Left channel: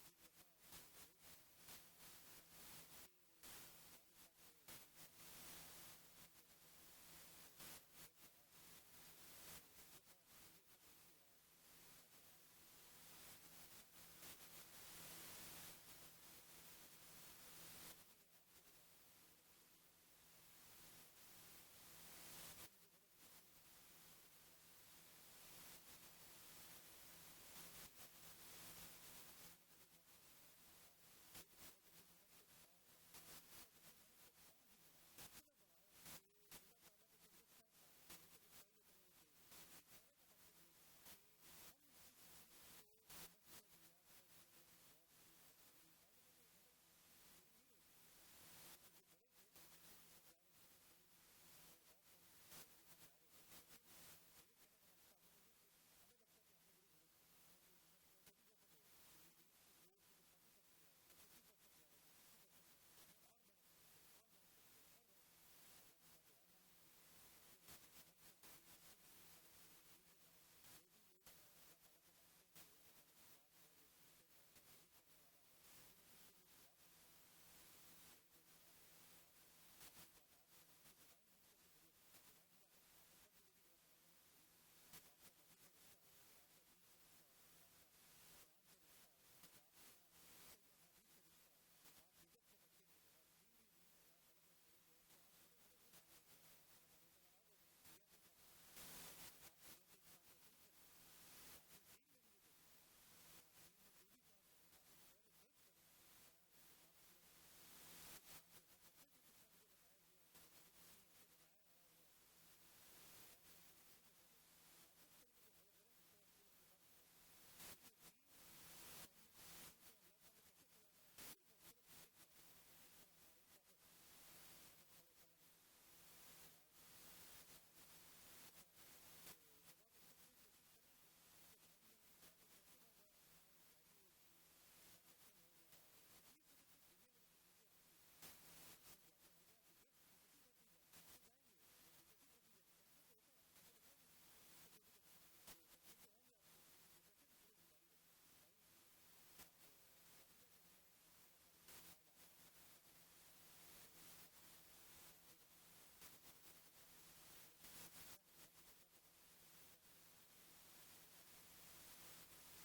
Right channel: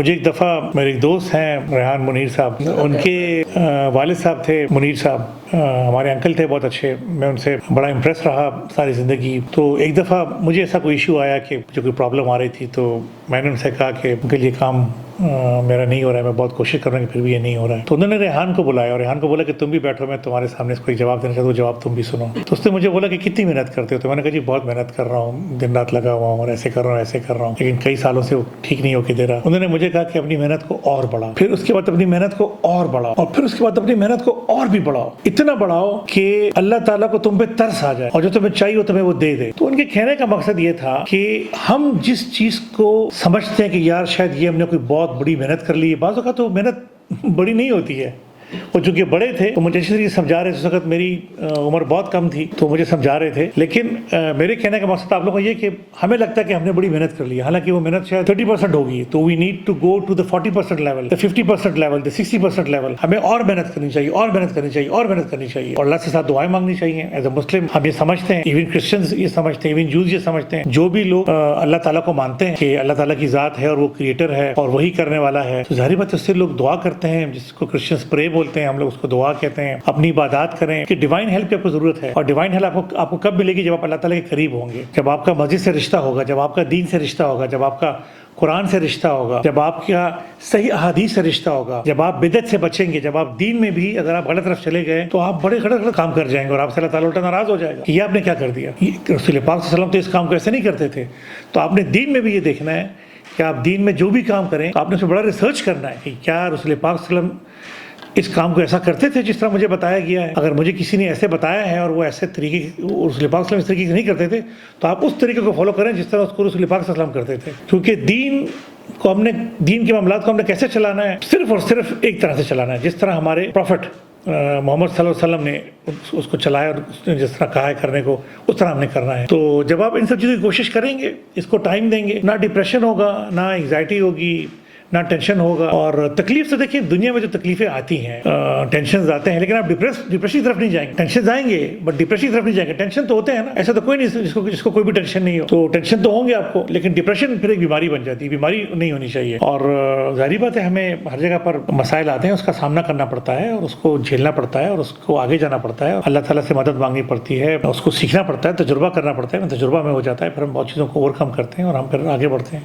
مجھے ایک دفعہ میرے ایک دوست ہیں ریحان منیر صاحب، ان کے والد صاحب تھے منیر صاحب، ہمارے انکل تھے بہت اچھے، میں ان سے بڑا امپریس رہا ساری زندگی۔ تو ایک دفعہ مجھے ایسا کوئی ایشو آیا کہ جو کوئی پرابلم آ رہی تھی، تو میں نے ان سے کہا کہ انکل یہ کام میرا نہیں ہو رہا ہے، میں بہت کوشش کر رہا ہوں کہ پھر بھی یہ نہیں ہو رہا ہے۔ تو انہوں نے ریحان کو بلایا اور ریحان کو بولا کہ تم بھی بیٹھو، میں تمہارے سامنے اس کو ایک جواب دینا چاہتا ہوں، جواب تم بھی سنو۔ تو اس نے مجھے بولا کہ کتنی محنت کرتے ہو؟ تو میں نے کہا جی بہت محنت کر رہا ہوں، دن رات لگا ہوا ہوں اور ایسے کر رہا ہوں ایسے کر رہا ہوں، لیکن کئی سالوں سے وہ ٹھیک نہیں ہو کے دے رہا۔ انہوں نے مجھے کہا کہ اپنی محنت کو اور بڑھاؤ، پھر اس کے بعد اپنی محنت کو اور بڑھاؤ، اور پھر اس کے بعد اپنی محنت کو اور بھی بڑھاؤ، اتنا بڑھاؤ کہ اللہ تعالیٰ کو تم پہ ترس آ جائے اور جو تمہیں چاہیے وہ تمہیں وہ دے دے۔ تو ان کے کہنے کا مقصد یہ تھا کہ ہم جس چیز کو سمجھتے ہیں کہ یار شاید یہ ہم نے کوئی بہت بڑی محنت کر لی ہے، بعض اوقات تو محنت بڑی نہیں ہوتی ہے۔ وہ چونکہ بڑے تھے تو مجھے اچھی طریقے سے سمجھا رہے تھے، اس وقت میری عمر بہت کم تھی تو مجھے سمجھا رہے تھے، لیکن میرے کہنے کا مقصد آپ لوگوں کو یہ کہ ہمیں لگتا ہے کہ ہم نے بڑی محنت کر لی ہے، حالانکہ وہ محنت شاید 30% ہوگی، تو we need to go to the 40% level, the 50% level, the 60% level. ہمیں اور محنت کرنی چاہیے، اور محنت کرنی چاہیے، اور محنت کرنی چاہیے، اور اللہ سے ساتھ دعائیں مانگنی چاہیے۔ ایز اے مسلم ہم یہ سمجھتے ہیں، ایون کرسچنز یہ سمجھتے ہیں، ایون جوز یہ سمجھتے ہیں، جو بھی لوگ اللہ تعالیٰ کو مانتے ہیں کہ اللہ تعالیٰ کی ذات ہے اور وہ کریٹر ہے اور وہی کرنے والا ہے، تو ظاہر بات ہے اس سے لوگ دعا کرتے ہیں، جس کو کرسچنز پرے بولتے ہیں، ہم لوگ اس کو دعا کہتے ہیں، اپنی عبادات کریں کہ ڈیوائن ہیلپ کی آپ کو ضرورت ہے۔ اور ڈیوائن ہیلپ آپ کو کب ملے گی؟ جب آپ اللہ تعالیٰ کے قریب ہوں گے، جب آپ کا مسجد سے رشتہ ہوگا، جب آپ کا دین سے رشتہ ہوگا، جب آپ کا قرآن سے رشتہ ہوگا، جب آپ کا صحیح احادیث سے رشتہ ہوگا، جب آپ بدعت سے بچیں گے، جب آپ دین میں بھی اگر آپ غلط طرف چلے گئے تو آپ بڑے غلط کام کر جائیں گے اور آپ سے اللہ تعالیٰ الٹا ناراض ہو جائے گا کہ یہ آپ نے کیا کر دیا۔ رسول پاک صلی اللہ علیہ وسلم تو اس کام کو ایسے نہیں کرتے تھے۔ تو آپ نے دین میں بھی یہ دیکھنا ہے کہ آپ دین میں جو بھی کام کریں تو آپ نے اس میں بڑا ریسرچ کرنا ہے کہ کیا رسول پاک صلی اللہ علیہ وسلم اس کام کو ایسا کرتے تھے جس طرح مجھے بتایا گیا ہے۔ اگر مجھے کسی نے ایسے بتایا ہے اور وہ ایسے طریقے رسول پاک صلی اللہ علیہ وسلم اس طریقے سے نہیں کرتے تھے تو آپ اس طریقے کو فالو کریں جس طرح اس کو رسول پاک صلی اللہ علیہ وسلم کرتے تھے، کیونکہ دین کے معاملات کو ہم نے کیسے چلانا ہے؟ صرف اور صرف ایک طرح سے چلانا ہے، جس طرح ہمارے پروفٹ محمد صلی اللہ علیہ وسلم نے اس کو چلایا اور اس نے جس طرح کہا ہے کرنے کو اس طرح ہم نے کرنا ہے۔ تو جب آپ ان سب چیزوں کی کوشش کریں گے، اس کو ٹائم دیں گے، نہ ڈپریشن ہوگا، نہ انگزائٹی ہوگی، نہ ٹینشن ہوگا۔ اور تکلیف سے دیکھیں، دنیا میں جو تکلیفیں آتی ہیں، ٹینشنز آتے ہیں، لیکن آپ ڈپریشن کی طرف نہیں جائیں گے۔ ٹینشنز آئیں گے بٹ ڈپریشن کی طرف نہیں جائیں گے۔ ٹینشن تو ہوتے ہیں نا، ایسا تو کوئی نہیں جس کو کوئی بھی ٹینشن نہیں ہو، تو ٹینشن تو ہوں گے آپ کو، لیکن ڈپریشن پھر ایک بیماری بن جاتی ہے، بیماری نہیں ہونی چاہیے۔ اور ظاہری بات ہے ہمیں ہر جگہ پر مسائل آتے ہیں، اس کا سامنا کرنا پڑتا ہے اور اس کو جھیلنا پڑتا ہے اور اس کو آگے جانا پڑتا ہے، اللہ تعالیٰ سے مدد مانگنی پڑتی ہے، اس کو سیکھنا پڑتا ہے، تجربہ کرنا پڑتا ہے، تجربہ میں ہو جاتا ہے، پھر ہم بہت چیزوں کو اوور کم کرتے ہیں اور ہم پھر آگے بڑھتے ہیں۔